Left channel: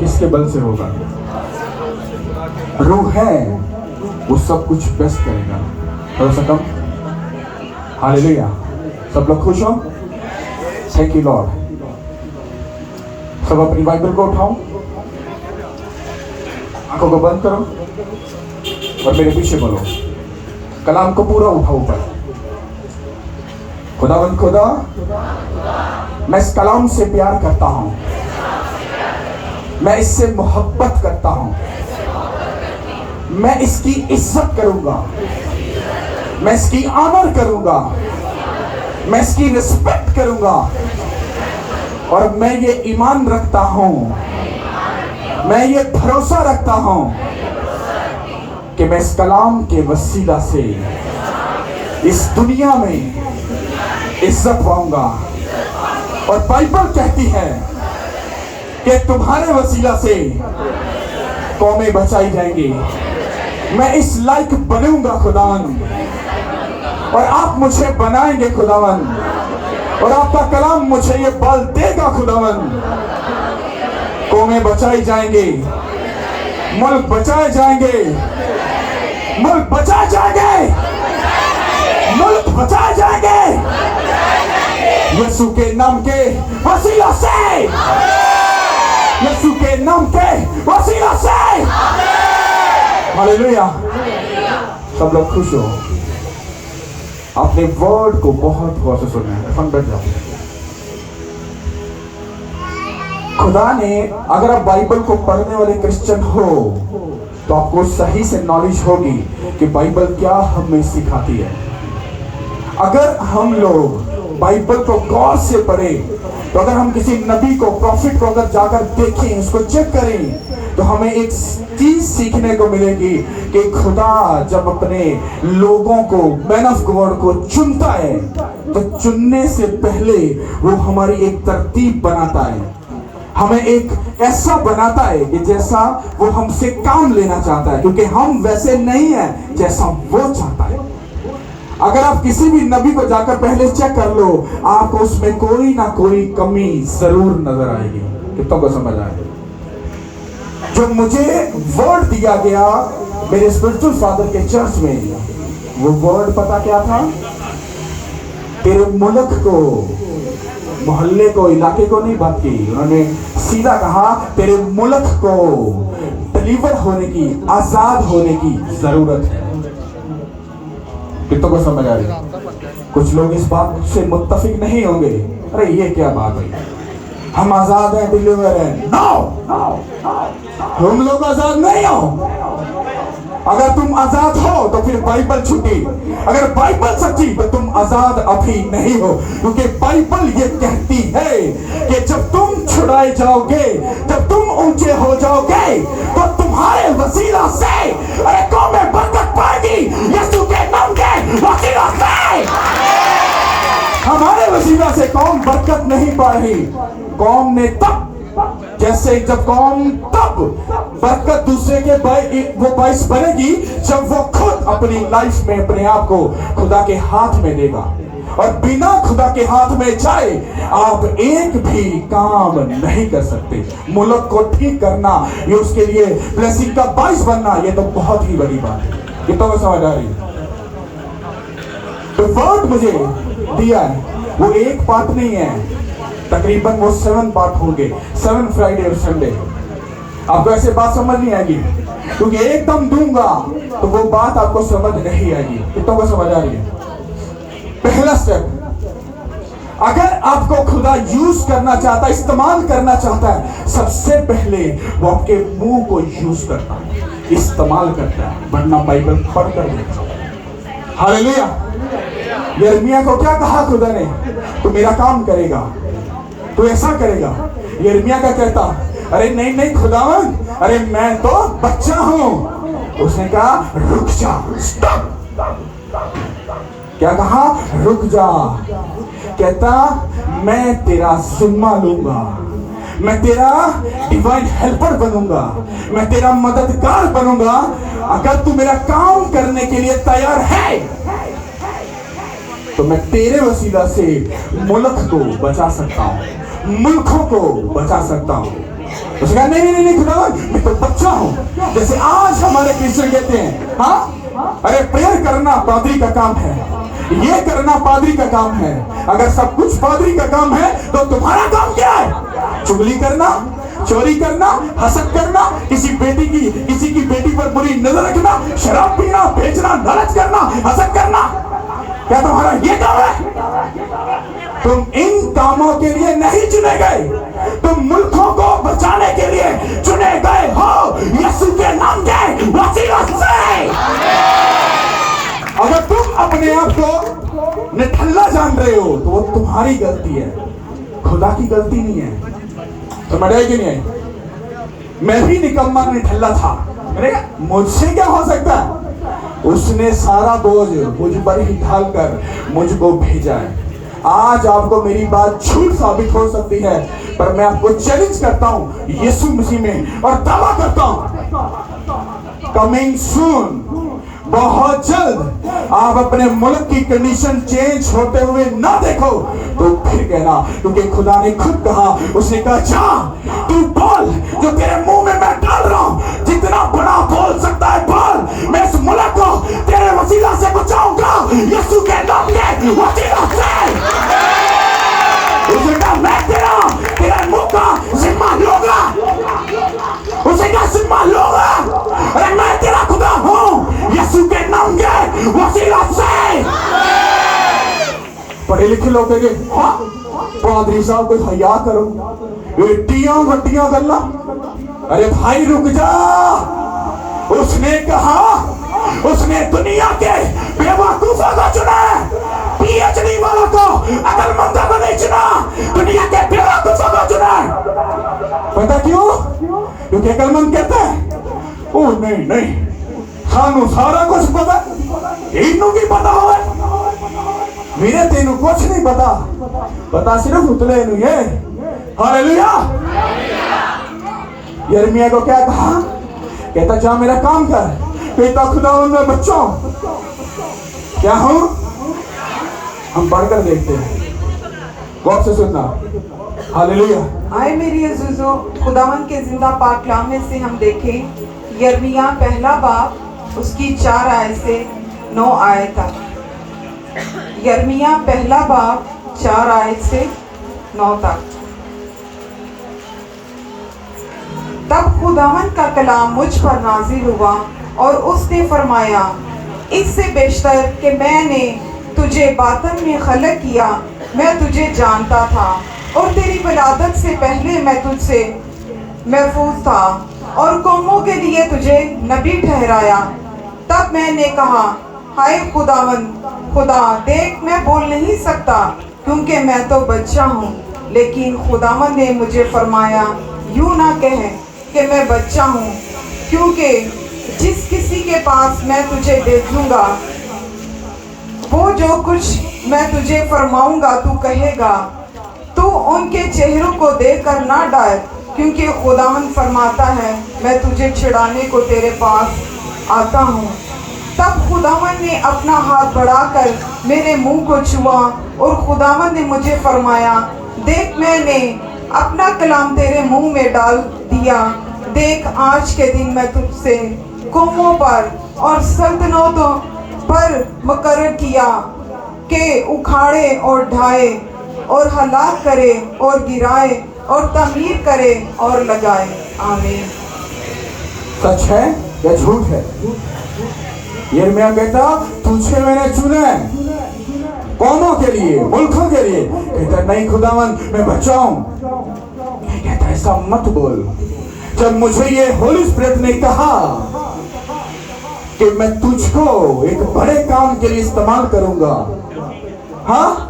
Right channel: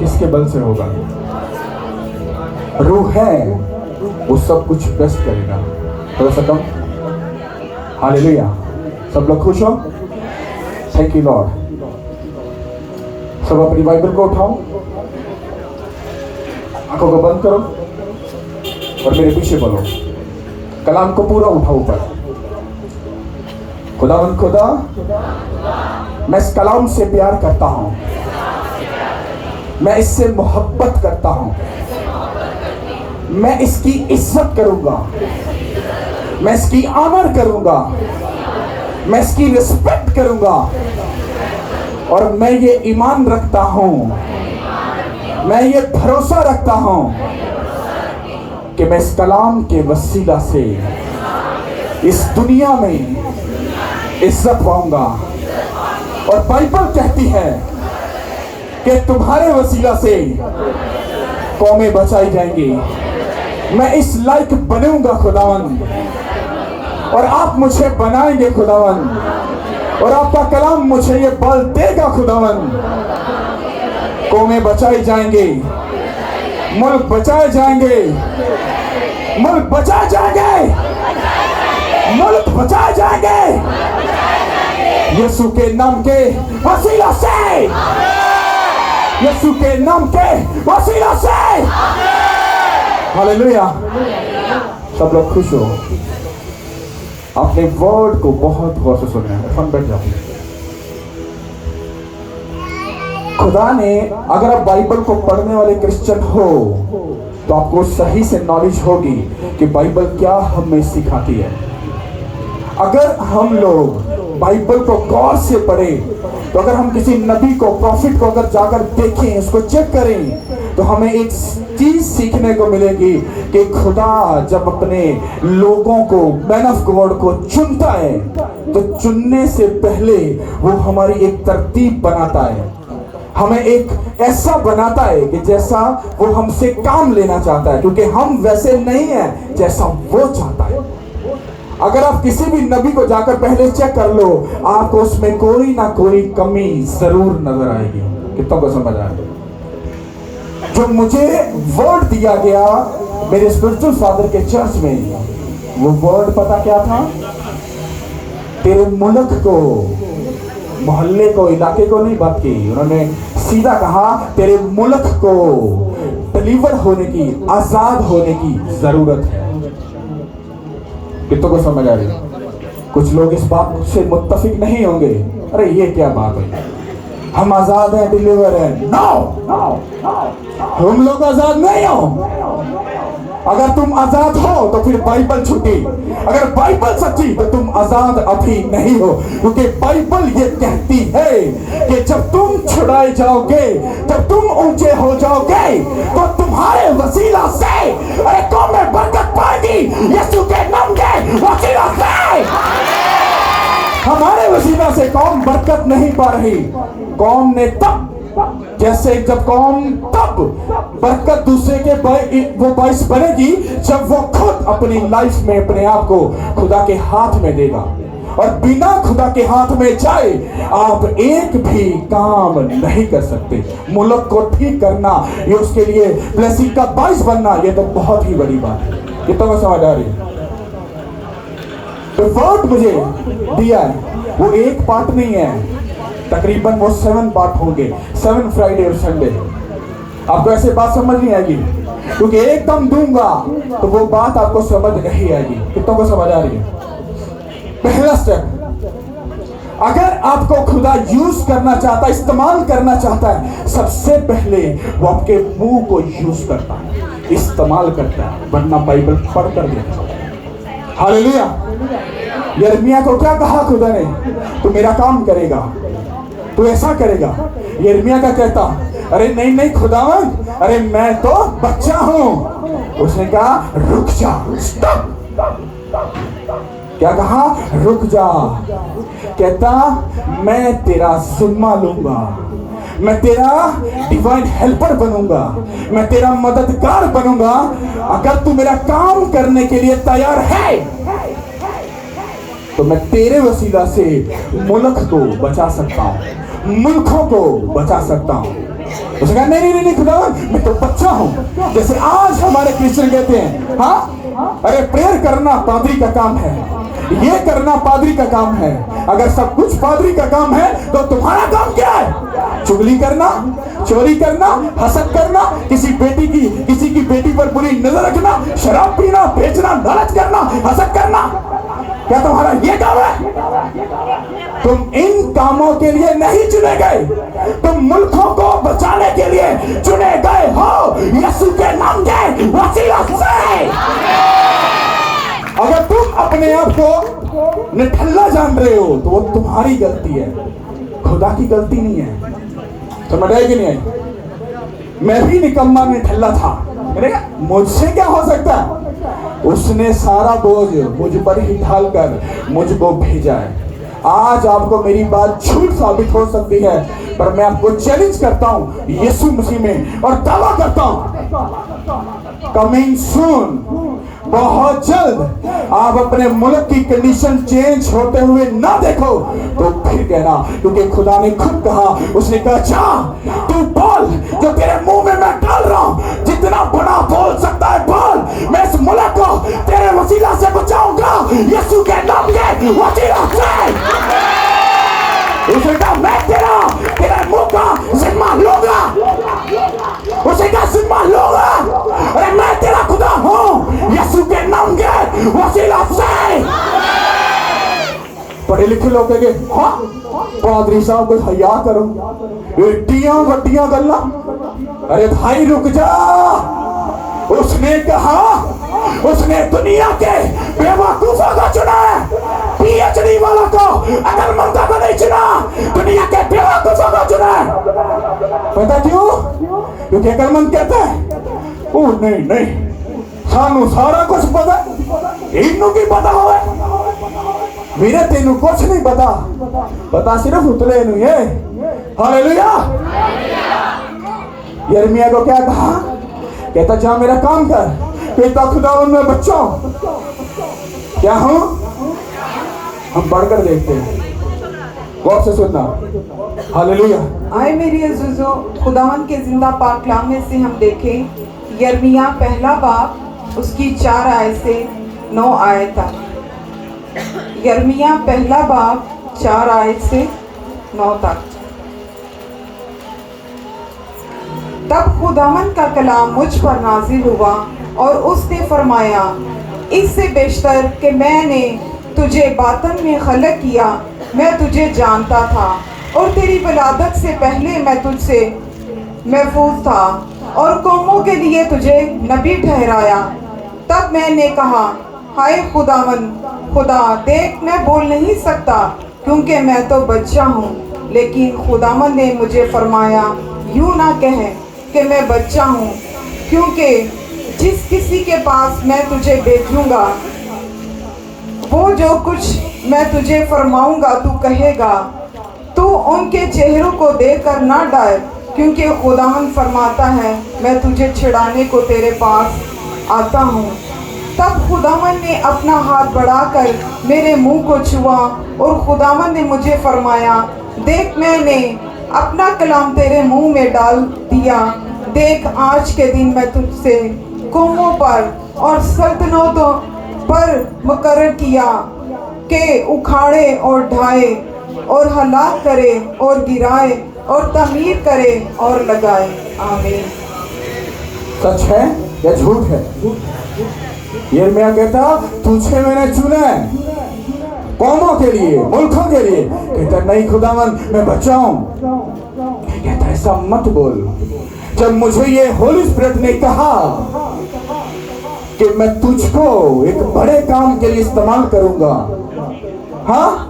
किसके बल से होगा? रूह है, वो सब कुछ बेस्ट करेगा। थोड़ा सा कम। हालेलुया। सब लोग खुश हो? Thank you Lord. सब अपनी बाइबल को उठाओ, आंखों को बंद करो और मेरे पीछे बोलो। कलाम को पूरा उठाओ ऊपर। खुदावंद खुदा, मैं इस कलाम से प्यार करता हूं, मैं इससे मोहब्बत करता हूं, मैं इसकी इज्जत करूंगा, मैं इसकी आदर करूंगा, मैं इसकी रिस्पेक्ट करूंगा और मैं ये ईमान रखता हूं, मैं ये भरोसा रखता हूं कि मैं इस कलाम के वसीला से इस दुनिया में इज्जत पाऊंगा। और बाइबल कहती है कि तुम्हारे वसीला से कौमें बचाई जाएंगी। मैं इस लायक बनूंगा खुदावंद, और आप मुझे बनाएंगे खुदावंद, और आपका कलाम मुझे ये बल देगा खुदावंद। कौमें बचाई जाएंगे, मुल्क बचाए जाएंगे, मुल्क बचाए जाएंगे, मुल्क बचाए जाएंगे यीशु के नाम के वसीला से, यीशु के नाम के वसीला से। हालेलुया। सब लोग खुश हो? आपने वर्ड को बहुत गौर से सुना है। फन बैठ जाओ। खुदा ने, अगर आप बाइबल को पढ़ने वाले क्रिश्चियन हो तो आपको सही से नॉलेज होगी कि बाइबल क्या हमें सिखाती है। अगर हम लोग बाइबल को गौर से पढ़ें, तो अगर हम किसी नबी को, प्रॉफिट को अगर जाकर देखें, उसको चेक करें, तो हमें एक चीज सीखने को मिलेगी कि खुदा जब अपने लोगों को, मैन ऑफ गॉड को चुनता है, तो चुनने से पहले वो हमारी एक तरतीब बनाता है, हमें एक ऐसा बनाता है कि जैसा वो हमसे काम लेना चाहता है, क्योंकि हम वैसे नहीं है जैसा वो चाहता है। अगर आप किसी भी नबी को जाकर पहले चेक कर लो, आपको उसमें कोई ना कोई कमी जरूर नजर आएगी। कितनों को समझ आए? जब मुझे वर्ड दिया गया मेरे स्पिरिचुअल फादर के चर्च में, वो वर्ड पता क्या था? तेरे मुल्क को, मोहल्ले को, इलाके को नहीं बात की, उन्होंने सीधा कहा तेरे मुल्क को डिलीवर होने की, आजाद होने की जरूरत है। कितनों को समझ आ रही? कुछ लोग इस बात से मुत्तफिक नहीं होंगे। अरे ये क्या बात है, हम आजाद हैं, डिलीवर है। नो, हम लोग आजाद नहीं हो। अगर तुम आजाद हो तो फिर बाइबल छूटी, अगर बाइबल सच्ची तो तुम आजाद अभी नहीं हो, क्योंकि बाइबल ये कहती है कि जब तुम छुड़ाए जाओगे, जब तुम ऊंचे हो जाओगे, तो तुम्हारे वसीला से कौमें बरकत पाएगी। यीशु के नाम के वसीला से, हमारे वसीला से कौम बरकत नहीं पाएगी। कौम ने तब, जैसे जब कौम तब बरकत दूसरे के वो बाइस बनेगी जब वो खुद अपनी लाइफ में अपने आप को खुदा के हाथ में देगा। और बिना खुदा के हाथ में जाए आप एक भी काम नहीं कर सकते। मुल्क को ठीक करना, ये उसके लिए ब्लेसिंग का बाइस बनना, ये तो बहुत ही बड़ी बात है। ये तो समझ आ रही है? तो वर्ड मुझे दिया है, वो एक पार्ट नहीं है, तकरीबन वो 7 पार्ट होंगे, 7 फ्राइडे और संडे। आपको ऐसे बात समझ नहीं आएगी, क्योंकि एकदम दूंगा तो वो बात आपको समझ नहीं आएगी। कितनों को समझ आ रही है? पहला स्टेप, अगर आपको खुदा यूज करना चाहता है, इस्तेमाल करना चाहता है, सबसे पहले वो आपके मुंह को यूज करता है, इस्तेमाल करता है, वरना बाइबल पढ़ कर लेता। हालेलुया। यिर्मयाह को क्या कहा खुदा ने? तू मेरा काम करेगा, तू ऐसा करेगा। यिर्मयाह क्या कहता? अरे नहीं नहीं खुदावन, अरे मैं तो बच्चा हूं। उसने कहा रुक जा, स्टॉप। क्या कहा? रुक जा। कहता मैं तेरा जिम्मा लूंगा, मैं तेरा डिवाइन हेल्पर बनूंगा, मैं तेरा मददगार बनूंगा। अगर तू मेरा काम करने के लिए तैयार है तो मैं तेरे वसीला से मुल्क को बचा सकता हूं, मुल्कों को बचा सकता हूं। उसने कहा नहीं नहीं नहीं खुदावन, मैं तो बच्चा हूं। जैसे आज हमारे क्रिश्चियन कहते हैं, हाँ अरे प्रेयर करना पादरी का काम है, ये करना पादरी का काम है। अगर सब कुछ पादरी का काम है तो तुम्हारा काम क्या है? चुगली करना, चोरी करना, हसद करना, किसी की बेटी पर बुरी नजर रखना, शराब पीना, बेचना, नाराज करना, हसद करना, क्या तुम्हारा ये काम है? तुम इन कामों के लिए नहीं चुने गए, तुम मुल्कों को बचाने के लिए चुने गए हो यीशु के नाम के वसीला से। अगर तुम अपने आप को निठल्ला जान रहे हो तो वो तुम्हारी गलती है, खुदा की गलती नहीं है। समझ आए कि नहीं आई? मैं भी निकम्मा निठल्ला था, मुझसे क्या हो सकता है? उसने सारा बोझ मुझ पर ही ढालकर मुझको भेजा है। आज आपको मेरी बात झूठ साबित हो सकती है, पर मैं आपको चैलेंज करता हूं यीशु मसीह में और दावा करता हूं कमिंग सून, बहुत जल्द आप अपने मुल्क की कंडीशन चेंज होते हुए ना देखो तो फिर कहना, क्योंकि खुदा ने खुद कहा, उसने कहा जा तू बोल जो तेरे मुंह में मैं डाल रहा हूं, जितना बड़ा बोल सकता है बोल, मैं इस मुल्क को तेरे वसीला से बचाऊंगा यीशु के नाम के वसीला से। उसने कहा मैं तेरा मुंह का जिम्मा लूंगा, उसने कहा जिम्मा लूंगा, अरे मैं तेरा खुदा हूं यीशु के नाम के वसीला से। पढ़े लिखे लोग कहेंगे हाँ पादरी साहब को हया करो, एटियां वटियां गल्ला। अरे भाई रुक जा, उसने कहा, उसने दुनिया के बेवकूफों को चुना, पीएचडी वाला को, अकलमंद को नहीं चुना, दुनिया के बेवकूफों को चुना। पता क्यों? क्योंकि अकलमंद कहता है ओ नहीं नहीं सानू सारा कुछ पता, इनू की पता हो मेरे तेनू कुछ नहीं पता, पता सिर्फ उतले नू है। हालेलुया। यिर्मयाह को क्या कहा? कहता जा मेरा काम कर, कहता खुदावन मैं बच्चा हूं, क्या हूं? हम पढ़कर देखते हैं, गौर से सुनना। हालेलुया। आए मेरी अज़ीज़ों, खुदावन के जिंदा पाक कलाम में से हम देखें यिर्मयाह पहला बाब उसकी 4 आयत से 9 आयत तक। यिर्मयाह पहला बाब 4 आयत से 9 तक। तब खुदावन का कलाम मुझ पर नाजिल हुआ और उसने फरमाया, इससे बेशतर कि मैंने तुझे बातन में खलक किया, मैं तुझे जानता था और तेरी विलादत से पहले मैं तुझसे महफूज था और कौमों के लिए तुझे नबी ठहराया। तब मैंने कहा हाय खुदावन, खुदा देख मैं बोल नहीं सकता क्योंकि मैं तो बच्चा हूँ। लेकिन खुदावन ने मुझे फरमाया, यूं ना कह कि मैं बच्चा हूँ, क्योंकि जिस किसी के पास मैं तुझे भेजूंगा वो जो कुछ मैं तुझे फरमाऊंगा तू कहेगा। तू उनके चेहरों को देखकर ना डर, क्योंकि खुदावन फरमाता है मैं तुझे छिड़ाने को तेरे पास आता हूँ। तब खुदावन ने अपना हाथ बढ़ाकर मेरे मुंह को छुआ और खुदावन ने मुझे फरमाया, देख मैंने अपना कलाम तेरे मुंह में डाल दिया। देख आज के दिन मैं तुझसे कौमों पर और सल्तनतों पर मुकर्रर किया कि उखाड़े और ढाए और हलाक करे और गिराए और तामीर करे और लगाए। आमीन। सच है या झूठ है? यिर्मयाह कहता तुझे मैंने चुना है, कौमों के लिए, मुल्कों के लिए। कहता नहीं खुदावन मैं बच्चा हूं। कहता ऐसा मत बोल। जब मुझे ये होली स्पिरिट ने कहा कि मैं तुझको एक बड़े काम के लिए इस्तेमाल करूंगा, हाँ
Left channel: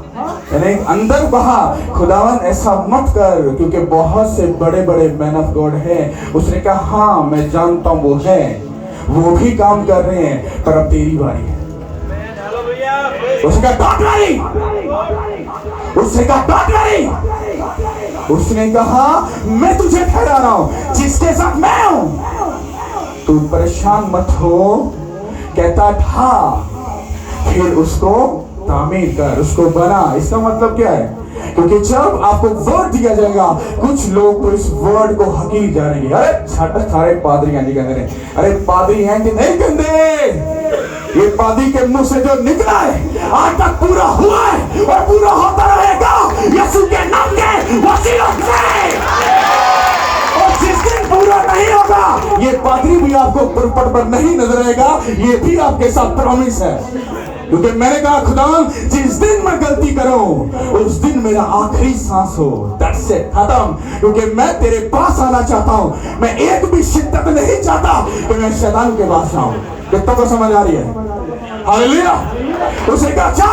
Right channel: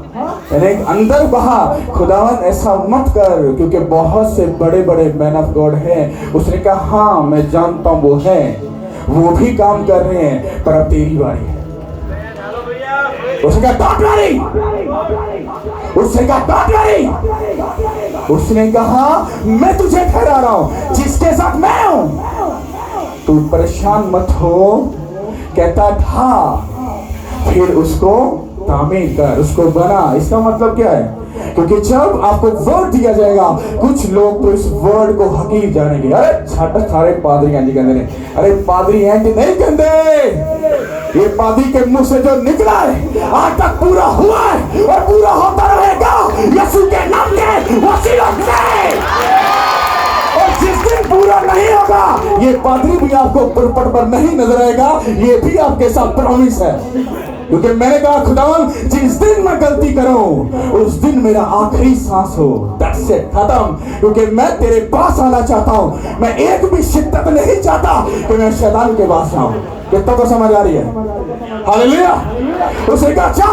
अंदर बहा खुदावन ऐसा मत कर, क्योंकि बहुत से बड़े बड़े मैन ऑफ गॉड हैं। उसने कहा हाँ मैं जानता हूं वो है, वो भी काम कर रहे हैं, पर अब तेरी बारी है। उसने कहा मैं तुझे ठहरा रहा हूं जिसके साथ मैं हूं, तू परेशान मत हो। कहता था फिर उसको तामीर कर, उसको बना। इसका मतलब क्या है? क्योंकि जब आपको वर्ड दिया जाएगा, कुछ लोग तो इस वर्ड को हकीर जानेंगे। अरे सारे पादरी एंटी कहते हैं, अरे पादरी एंटी नहीं कहते, ये पादरी के मुंह से जो निकला है आज तक पूरा हुआ है और पूरा होता रहेगा यीशु के नाम के वसीले से। और जिस दिन पूरा नहीं होगा, ये पादरी भी आपको पुरपट पर नहीं नजर आएगा, ये भी आपके साथ प्रॉमिस है। क्योंकि मैंने कहा खुदा जिस दिन मैं गलती करूं उस दिन मेरा आखिरी सांस हो, दैट्स इट, खत्म। क्योंकि मैं तेरे पास आना चाहता हूं, मैं एक भी शिद्दत नहीं चाहता कि मैं शैतान के पास आऊं। कितना को समझ आ रही है? हालेलुया। उसे कहा अच्छा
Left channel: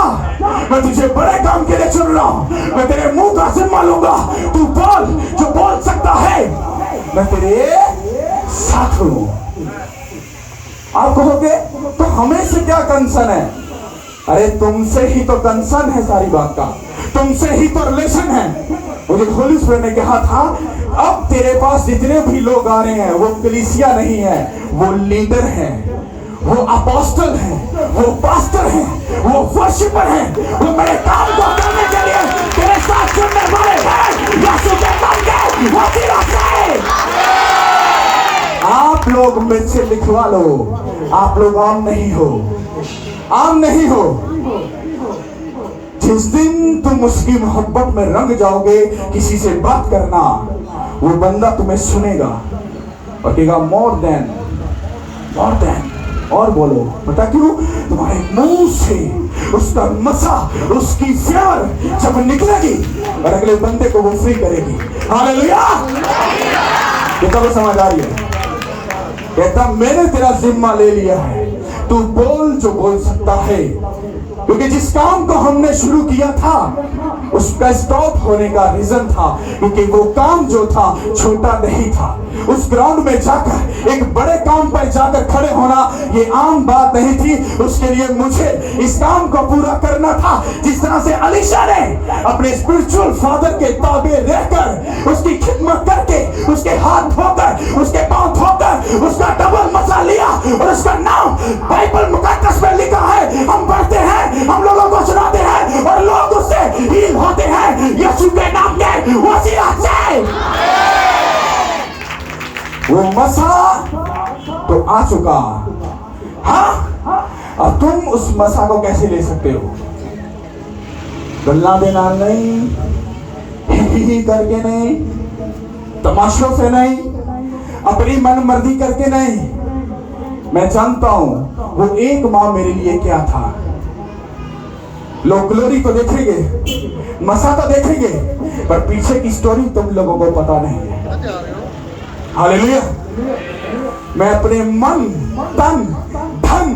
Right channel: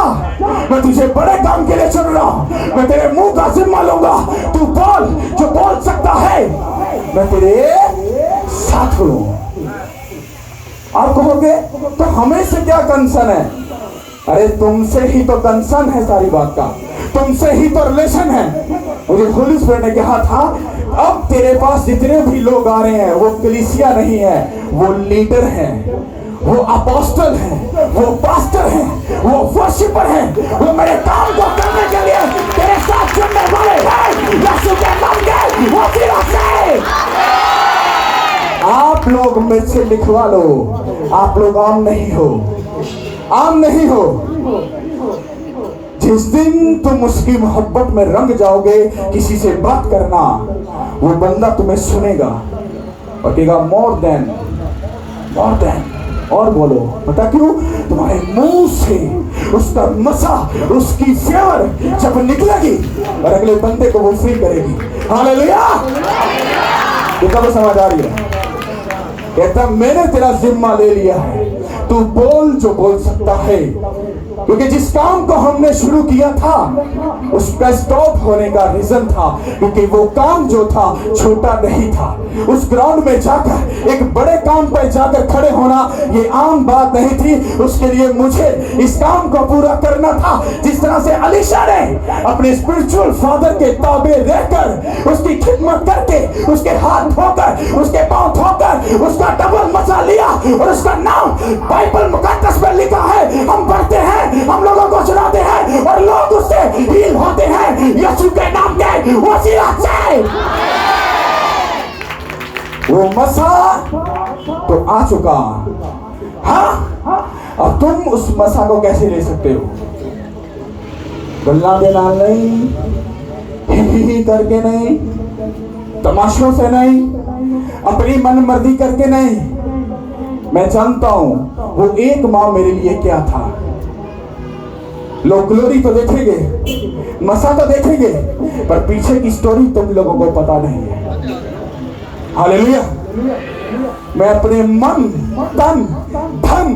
मैं तुझे बड़े काम के लिए चुन रहा हूं, मैं तेरे मुंह का जिम्मा लूंगा, तू बोल जो बोल सकता है, मैं तेरे साथ हूं। आप कहोगे तो हमें से क्या कंसर्न है? अरे तुमसे ही तो कंसर्न है सारी बात का, तुमसे ही तो रिलेशन है। मुझे होली स्पिरिट ने कहा था अब तेरे पास जितने भी लोग आ रहे हैं वो कलीसिया नहीं है, वो लीडर हैं, वो अपोस्टल हैं, वो पास्टर हैं, वो वर्शिपर हैं, वो मेरे काम को करने के लिए तेरे साथ चलने वाले हैं यीशु के नाम के वसीले से। आप लोग मुझसे लिखवा लो, आप लोग आम नहीं हो, आम नहीं हो। जिस दिन तुम उसकी मोहब्बत में रंग जाओगे, किसी से बात करना, वो बंदा तुम्हें सुनेगा और कहेगा मोर देन, और बोलो। पता क्यों? तुम्हारे मुंह से उसका मसा, उसकी फ्लेवर जब निकलेगी और अगले बंदे को वो फ्री करेगी। हालेलुया। ये तो समझ आ रही है? कहता मैंने तेरा जिम्मा ले लिया है, तू बोल जो बोल सकता है। क्योंकि जिस काम को हमने शुरू किया था उसका स्टॉप होने का रीजन था क्योंकि वो काम जो था छोटा नहीं था। उस ग्राउंड में जाकर एक बड़े काम पर जाकर खड़े होना ये आम बात नहीं थी। उसके लिए मुझे इस काम को पूरा करना था। जिस तरह से अलीशा ने अपने स्पिरिचुअल फादर के ताबे रहकर उसकी खिदमत करके उसके हाथ धोकर उसके पांव धोकर उसका डबल मसा लिया और उसका नाम बाइबल मुकद्दस में लिखा है, हम पढ़ते हैं, हम लोगों को सुनाते हैं और लोग उससे हील होते हैं यीशु के नाम के वसीले से। वो मसा तो आ चुका, हाँ, अब तुम उस मसा को कैसे ले सकते हो? गल्ला देना नहीं, ही करके नहीं, तमाशों से नहीं, अपनी मन मर्जी करके नहीं। मैं जानता हूं वो एक माँ मेरे लिए क्या था। लोग ग्लोरी तो देखेंगे, मसा तो देखेंगे, पर पीछे की स्टोरी तुम लोगों को पता नहीं है। हालेलुया। मैं अपने मन, तन, धन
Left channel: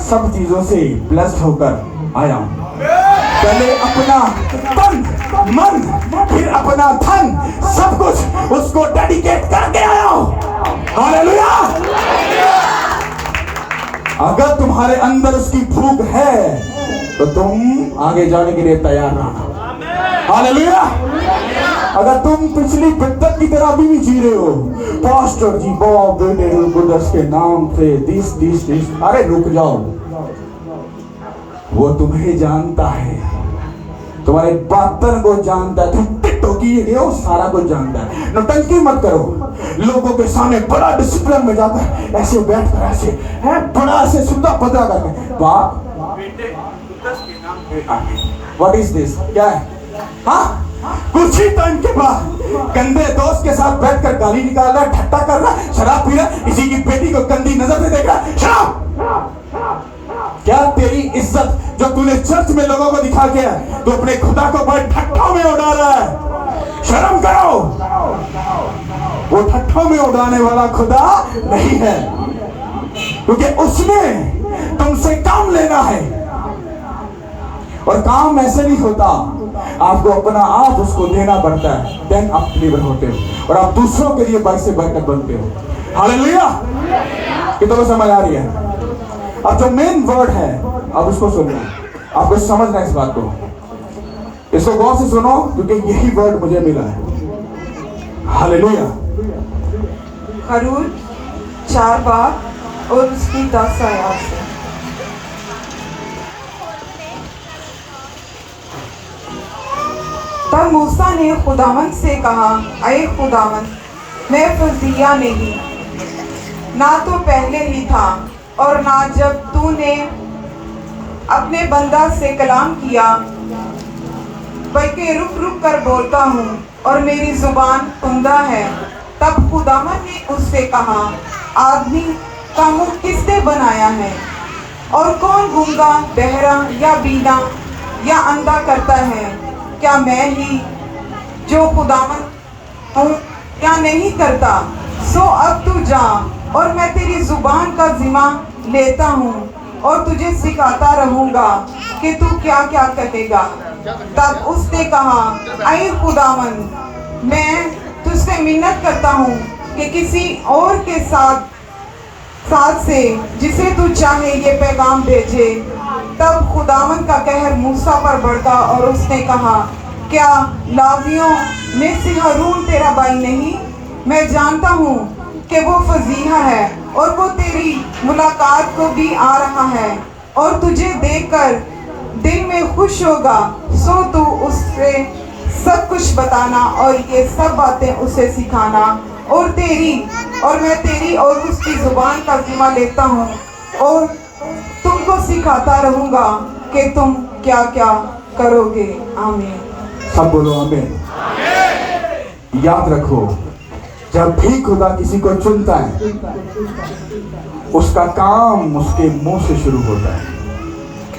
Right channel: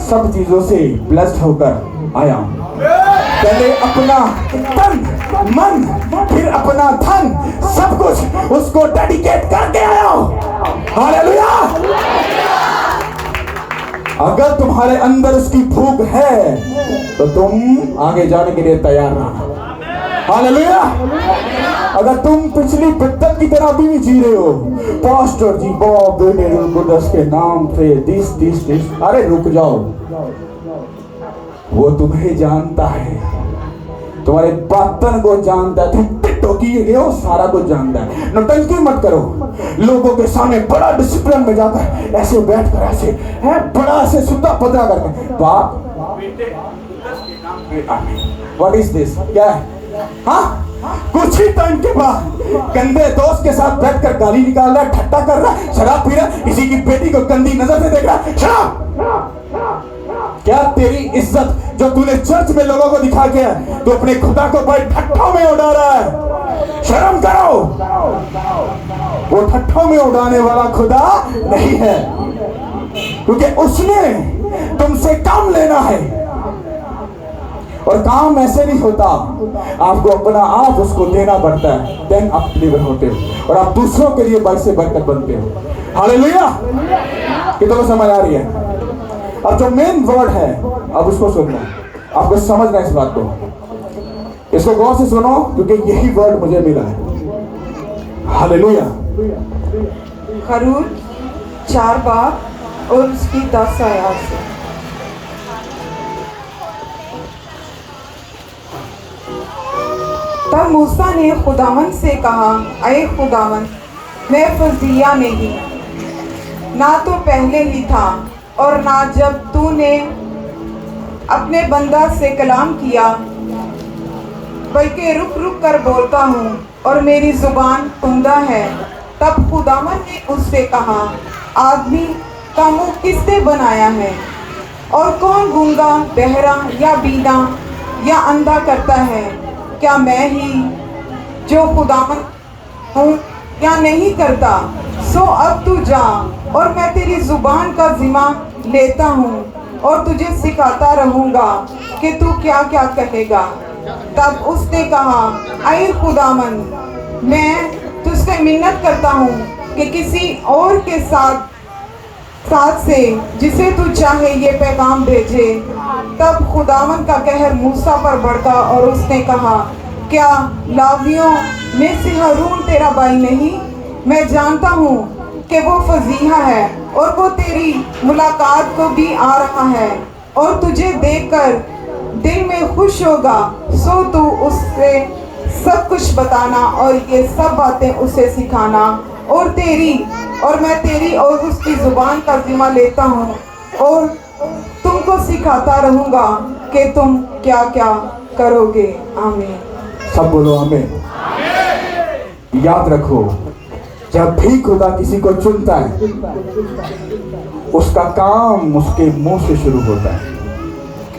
सब चीजों से ब्लेस्ड होकर आया। पहले अपना तन, मन, फिर अपना धन, सब कुछ उसको डेडिकेट करके आया हूं। हालेलुया। अगर तुम्हारे अंदर उसकी भूख है तो तुम आगे जाने के लिए तैयार रहो। हालेलुया। अगर तुम पिछली बिद्दत की तरह भी जी रहे हो, पास्टर जी बॉब बेटे के नाम से दिस, अरे रुक जाओ, वो तुम्हें जानता है, तुम्हारे बातन को जानता है, तुम टिकटॉकी हो, सारा कुछ जानता है। नौटंकी मत करो। लोगों के सामने बड़ा डिसिप्लिन में जाकर ऐसे बैठकर ऐसे है बड़ा ऐसे सुंदर पतला करके बाप बेटे के नाम पे आगे। What is this? क्या है? हाँ, कुछ ही टाइम के बाद गंदे दोस्त के साथ बैठकर गाली निकाल रहा, ठट्टा कर रहा, शराब पी रहा, किसी की बेटी को गंदी नजर से देख रहा। शराब क्या तेरी इज्जत जो तूने चर्च में लोगों को दिखा के तू अपने खुदा को बड़े ठट्ठों में उड़ा रहा है? शर्म करो। वो ठट्ठों में उड़ाने वाला खुदा नहीं है, क्योंकि उसने तुमसे काम लेना है। और काम ऐसे नहीं होता, आपको अपना आप उसको देना पड़ता है, देन आप लीवर होते हो और आप दूसरों के लिए बाई से बरकत बनते हो। हालेलुया। कितना समझ आ रही है? अब जो मेन वर्ड है अब उसको सुनना, आपको समझना इस बात को, इसको गौर से सुनो क्योंकि यही वर्ड मुझे मिला है। हालेलुया। खरूज 4 बाब और उसकी 10 आयत। तब मूसा ने खुदावंद से कहा, ऐ खुदावंद, मैं फजीया नहीं, ना तो पहले ही था और ना जब तूने अपने बंदा से कलाम किया, बल्कि रुक रुक कर बोलता हूँ और मेरी जुबान कुंदा है। तब खुदावंद ने उससे कहा, आदमी का मुंह किसने बनाया है, और कौन गूंगा, बहरा या बीना या अंधा करता है? क्या मैं ही जो खुदावंद हूँ या नहीं करता? सो अब तू जा और मैं तेरी जुबान का जिम्मा लेता हूँ और तुझे सिखाता रहूंगा कि तू क्या क्या कहेगा। तब उसने कहा, ऐ खुदावंद, मैं तुझसे मिन्नत करता हूँ कि किसी और के साथ से जिसे तू चाहे ये पैगाम भेजे। तब खुदावंद का कहर मूसा पर भड़का और उसने कहा, क्या लावियों में से हारून तेरा भाई नहीं? मैं जानता हूँ कि वो फजीहा है और वो तेरी मुलाकात को भी आ रहा है और तुझे देखकर दिल में खुश होगा। सो तू उससे सब कुछ बताना और ये सब बातें उसे सिखाना, और मैं तेरी और उसकी जुबान का जिम्मा लेता हूँ और तुमको सिखाता रहूंगा कि तुम क्या क्या करोगे। आमीन। सब बोलो आमीन। याद रखो, जब भी खुदा किसी को चुनता है, उसका काम उसके मुंह से शुरू होता है।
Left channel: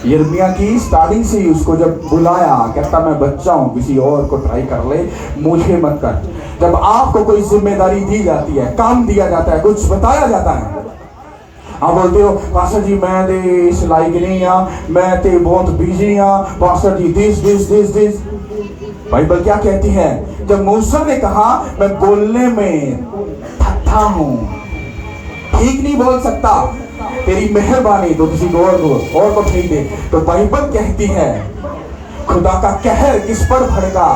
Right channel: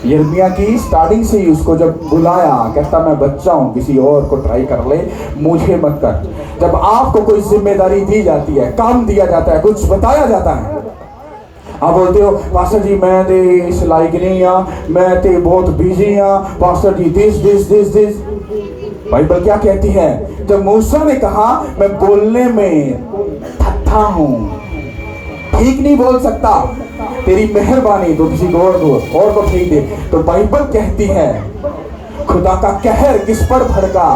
यिर्मयाह की स्टार्टिंग से ही उसको जब बुलाया, कहता मैं बच्चा हूं, किसी और को ट्राई कर ले, मुझे मत कर। जब आपको कोई जिम्मेदारी दी जाती है, काम दिया जाता है, कुछ बताया जाता है, आप बोलते हो पास्टर जी मैं ते इस लायक नहीं आ, मैं ते बहुत बिजी आ, पास्टर जी दिस। बाइबल क्या कहती है? जब मूसा ने कहा मैं बोलने में थका हूं, ठीक नहीं बोल सकता, तेरी मेहरबानी तो किसी और को ठीक दे, तो बाइबल कहती है खुदा का कहर किस पर भड़का।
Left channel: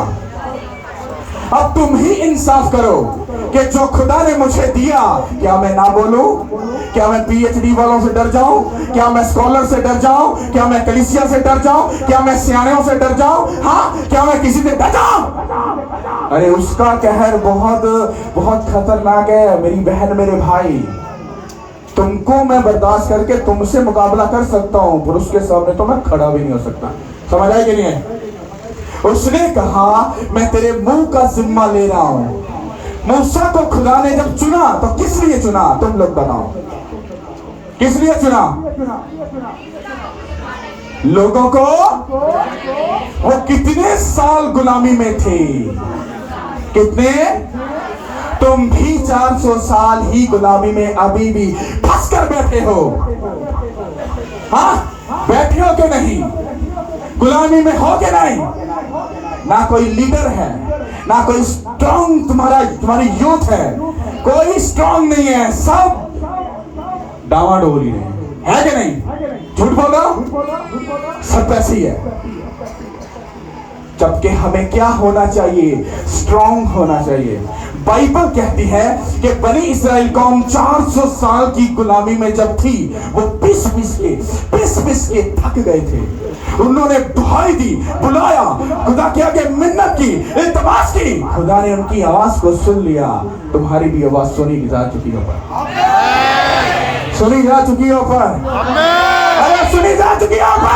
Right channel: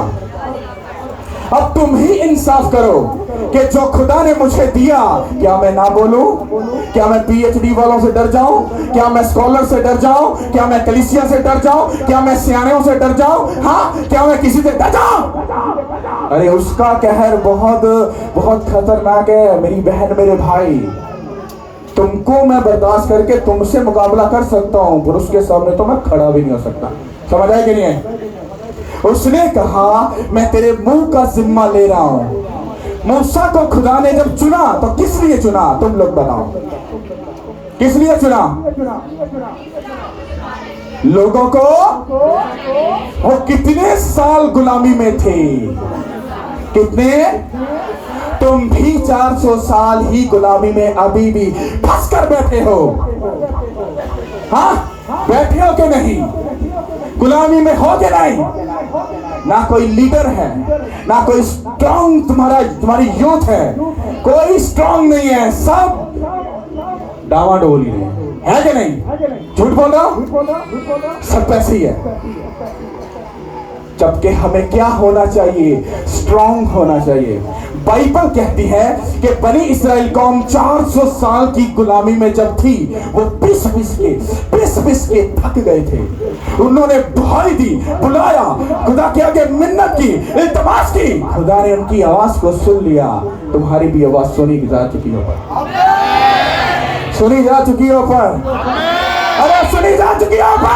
अब तुम ही इंसाफ करो कि जो खुदा ने मुझे दिया, क्या मैं ना बोलूं? क्या मैं पीएचडी वालों से डर जाऊं? क्या मैं स्कॉलर से डर जाऊं? क्या मैं कलीसिया से डर जाऊं? क्या मैं सियाणों से डर जाऊं? हाँ, क्या मैं किसी से डर जाऊं? अरे उसका कहर बहुत बहुत खतरनाक है मेरी बहन, मेरे भाई। तुमको मैं बर्दाश्त करके तुमसे मुकाबला कर सकता हूं, पर उसके सामने तो मैं खड़ा भी नहीं हो सकता। समझ आया कि नहीं है? उसने कहा मैं तेरे मुंह का जिम्मा ले रहा हूं। मूसा को खुदा ने जब चुना तो किस लिए चुना? तुम लोग बताओ, किस लिए चुना? लोगों को, वो कितने साल गुलामी में थे? कितने? तुम भी 400 साल ही गुलामी में अभी भी फंस कर बैठे हो। हाँ, बैठे हो कि नहीं? गुलामी में हो कि नहीं? ना कोई लीडर है, ना कोई स्ट्रॉन्ग तुम्हारी यूथ है, कोई स्ट्रॉन्ग नहीं है, सब डावाडोल ही है कि नहीं? झूठ बोलो, सब ऐसे ही है। जबकि हमें क्या होना चाहिए? स्ट्रॉन्ग होना चाहिए। बाइबल कहती है कि बनी इस्राएल कौम 400 साल की गुलामी में जब थी, वो पिस पिस के थक गए थे। उन्होंने दुहाई दी, बुलाया, खुदा के आगे मिन्नत की, इल्तिमास की। खुदा ने उनकी आवाज को सुन लिया। तुम्हारी भी आवाज सुनी जा चुकी हो, सुनी जा चुकी हो पर, सुनी जा चुकी हो पर।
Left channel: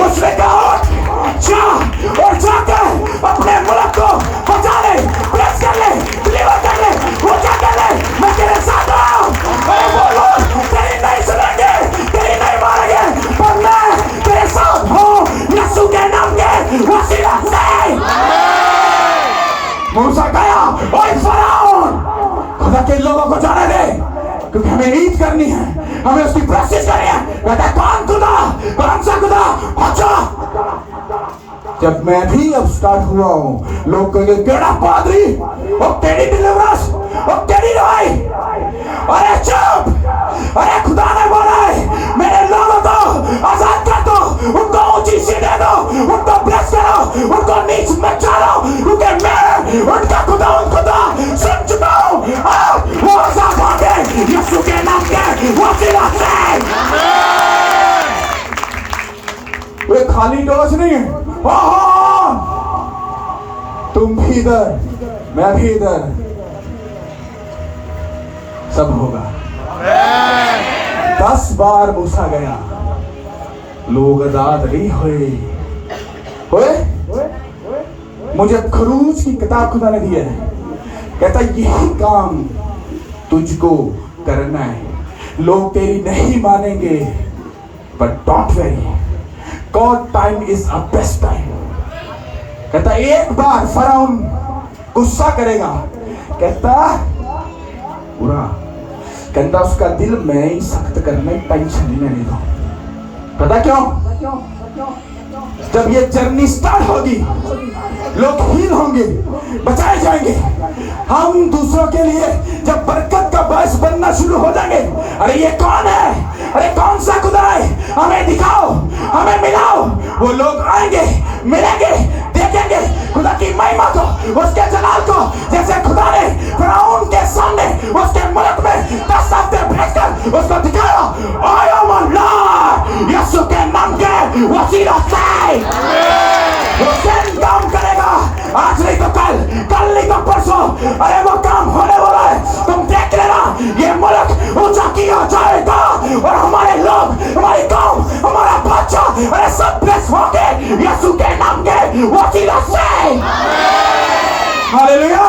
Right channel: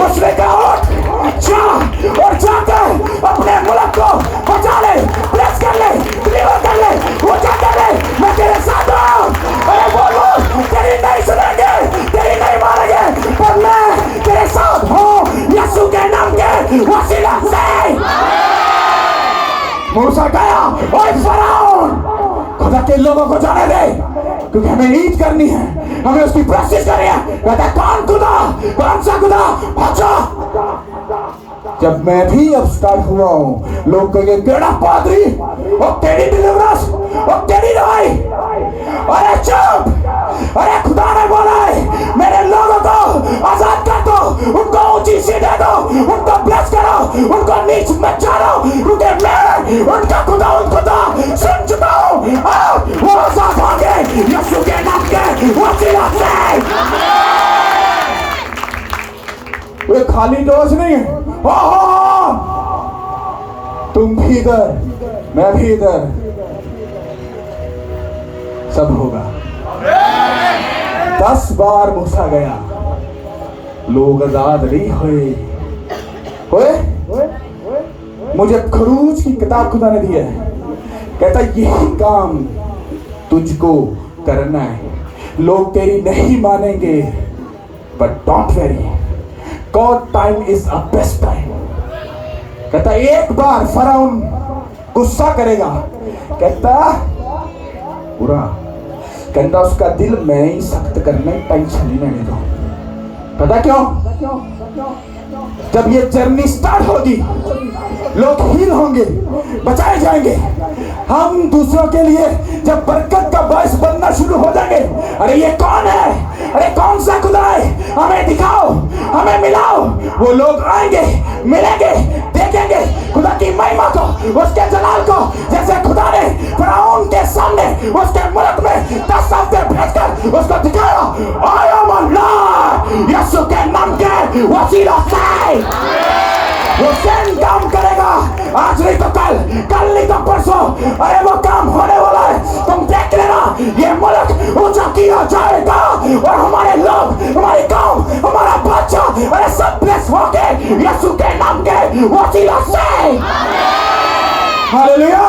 उसने कहा जाकर अपने मुल्क को बचा ले, प्रेस कर ले, डिलीवर कर ले। वो क्या कर ले? मैं तेरे साथ हूं। बोलो, तेरी नहीं सुनेंगे, तेरी नहीं मानेंगे, पर मैं तेरे साथ हूं, यीशु के नाम के वसीला से। मूसा गया और फराउन, खुदा के लोगों को जाने दे, क्योंकि हमें ईद करनी है, हमें उसकी प्रेक्टिस करनी है। कहता कौन खुदा, कौन सा खुदा? अच्छा, जब मैं भी अब स्टार्ट हुआ हूं, लोग कहेंगे केड़ा पादरी, वो तेरी डिलीवरेंस, वो तेरी दवाई। अरे चुप, अरे खुदा ने बोला है मेरे लोगों को आजाद कर दो, उनको ऊंची सी दे दो, उनको ब्लेस करो, उनको नीच मत डालो, क्योंकि मैं उनका खुदा सुन चुका हूं। वो आजाद होंगे यीशु के नाम के वसीला से। वो खाली डोज नहीं है, तुम भी इधर, मैं भी इधर, सब होगा। 10 बार मूसा गया, लोग आजाद नहीं हुए। मुझे खरूज की किताब खुदा ने दी है, कहता यही काम तुझको करना है। लोग तेरी नहीं मानेंगे, but don't worry, God time is a best time. कहता एक बार फरौन गुस्सा करेगा, कहता पूरा, कहता उसका दिल मैं ही सख्त करने टेंशन नहीं लेने दो। पता क्यों? जब ये जर्नी स्टार्ट होगी, लोग हील होंगे, बचाए जाएंगे। हम दूसरों के लिए जब बरकत का बायस बनना शुरू हो जाएंगे, अरे ये कौन है, अरे कौन सा खुदा है, हमें दिखाओ, हमें मिलाओ। वो लोग आएंगे, मिलेंगे, देखेंगे खुदा की महिमा को, उसके जलाल को, जैसे खुदा ने फिरौन के सामने उसके मुल्क में 10 हफ्ते भेजकर उसको दिखाया। आई एम अल्लाह, यीशु के नाम के वसीला से वो सेम काम करेगा। आज नहीं तो कल, कल नहीं तो परसों, अरे वो काम होने वाला है। तुम देख लेना, ये मुल्क ऊंचा किया जाएगा और हमारे लोग, हमारी कौम, हमारा बच्चा, अरे सब ब्लेस होंगे यीशु के नाम के वसीला से। हालेलुया।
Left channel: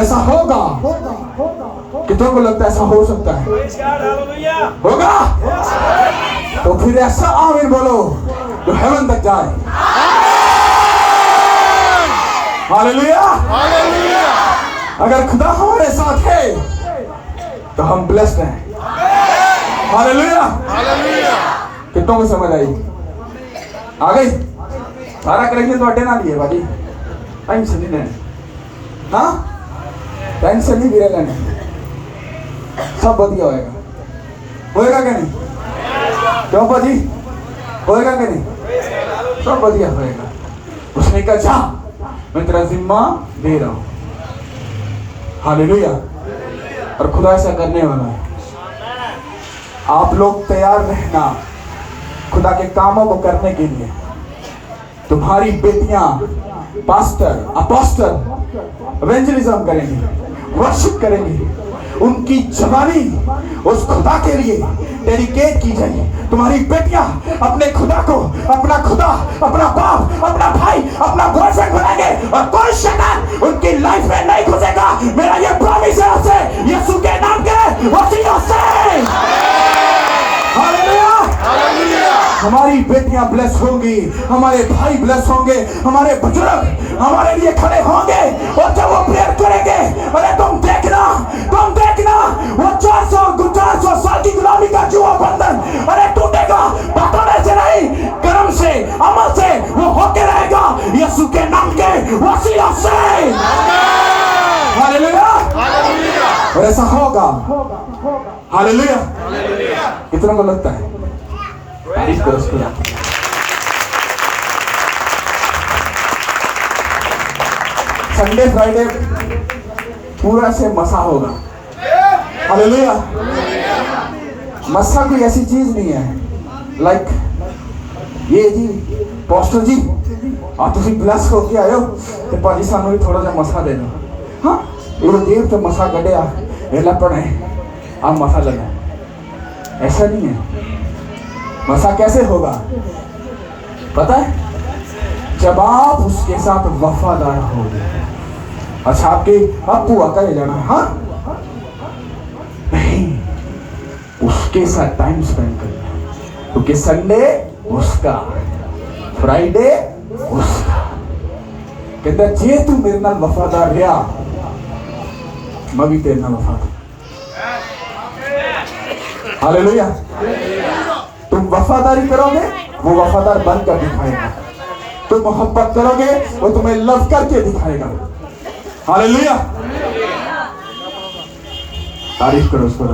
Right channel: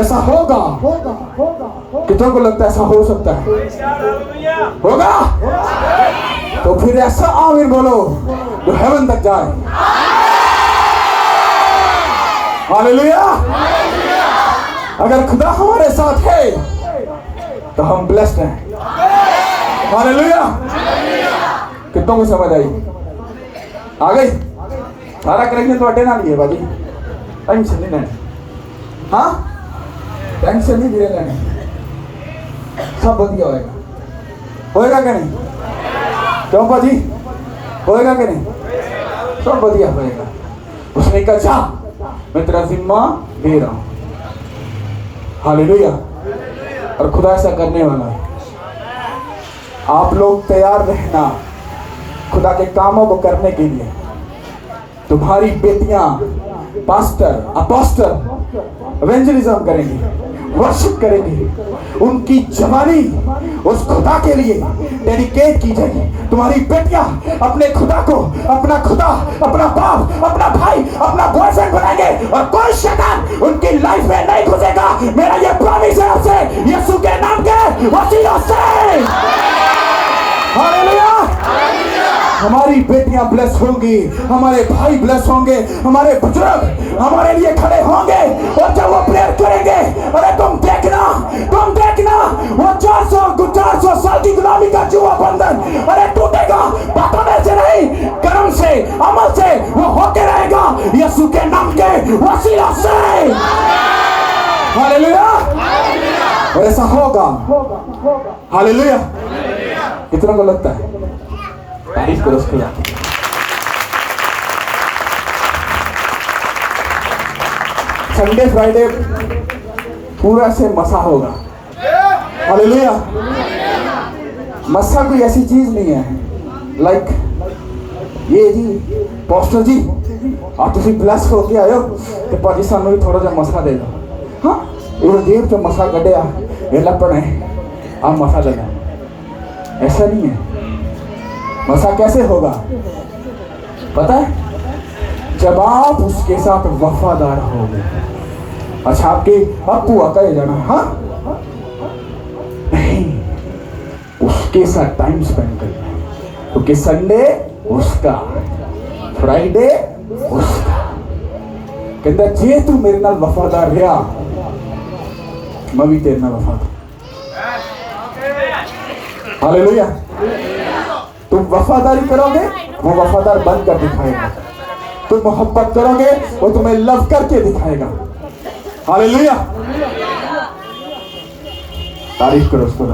ऐसा होगा कि तुमको लगता है ऐसा हो सकता है? होगा? तो फिर ऐसा आमीन बोलो जो हेवन तक जाए। हालेलुया। अगर खुदा हमारे साथ है तो हम ब्लेस्ड हैं। हालेलुया। कितनों को समझ आई? आ गई? सारा करेंगे तो अड्डे ना लिए बाकी टेंशन नहीं लेना। हाँ, टेंशन नहीं गिरे लेने, सब बढ़िया होएगा। होएगा कि नहीं? क्यों बाजी? होएगा कि नहीं? सब बढ़िया होएगा। उसने कहा जा, मैं तेरा जिम्मा दे रहा हूं। हालेलुया। और खुदा ऐसा करने वाला है। आप लोग तैयार रहना खुदा के कामों को करने के लिए। तुम्हारी बेटियां पास्टर, अपोस्टल, एवेंजलिज्म करेंगी, वर्शिप करेंगी। उनकी जवानी उस खुदा के लिए डेडिकेट की जाएगी। तुम्हारी बेटियां अपने खुदा को अपना खुदा, अपना बाप, अपना भाई, अपना बॉयफ्रेंड बनाएंगे और कोई शैतान उनकी लाइफ में नहीं घुसेगा। मेरा ये प्रॉमिस है आपसे, यीशु के नाम के वसीला से। हालेलुया। हमारी बेटियां ब्लेस होंगी, हमारे भाई ब्लेस होंगे, हमारे बुजुर्ग हमारे लिए खड़े होंगे और जब वो प्रेयर करेंगे, अरे तुम देखना वो 400 साल की गुलामी का जुआ बंधन अरे टूटेगा। बताने से नहीं, कर्म से, अमल से वो होके रहेगा यीशु के नाम के वसीला से। हालेलुया। ऐसा होगा। हालेलुया। कितना को लगता है? तारीफ करो उसको। संडे फ्राइडे पूरा से मसा होगा। हालेलुया। मसा कोई ऐसी चीज नहीं है लाइक ये जी पास्टर जी आप तुसी ब्लेस होके आयो ते पाजी सानू भी थोड़ा सा मसा दे दो। हाँ, ये जेब से मसा कढ़िया वेला पड़े अब मसा लेना, ऐसा नहीं है। मसा कैसे होगा पता है? जब आप उसके साथ वफादार होंगे। अच्छा, आपके आप हुआ का जाना है? हाँ नहीं, उसके साथ टाइम स्पेंड करना। क्योंकि संडे उसका, फ्राइडे उसका। कहता जे तू मेरे नाल वफादार रहा, मैं भी तेरे नाल वफादार। हालेलुया। तुम वफादारी करोगे, वो वफादार बनकर दिखाएगा। तुम मोहब्बत करोगे, वो तुम्हें लव करके दिखाएगा। हालेलुया। तारीफ करो उसको।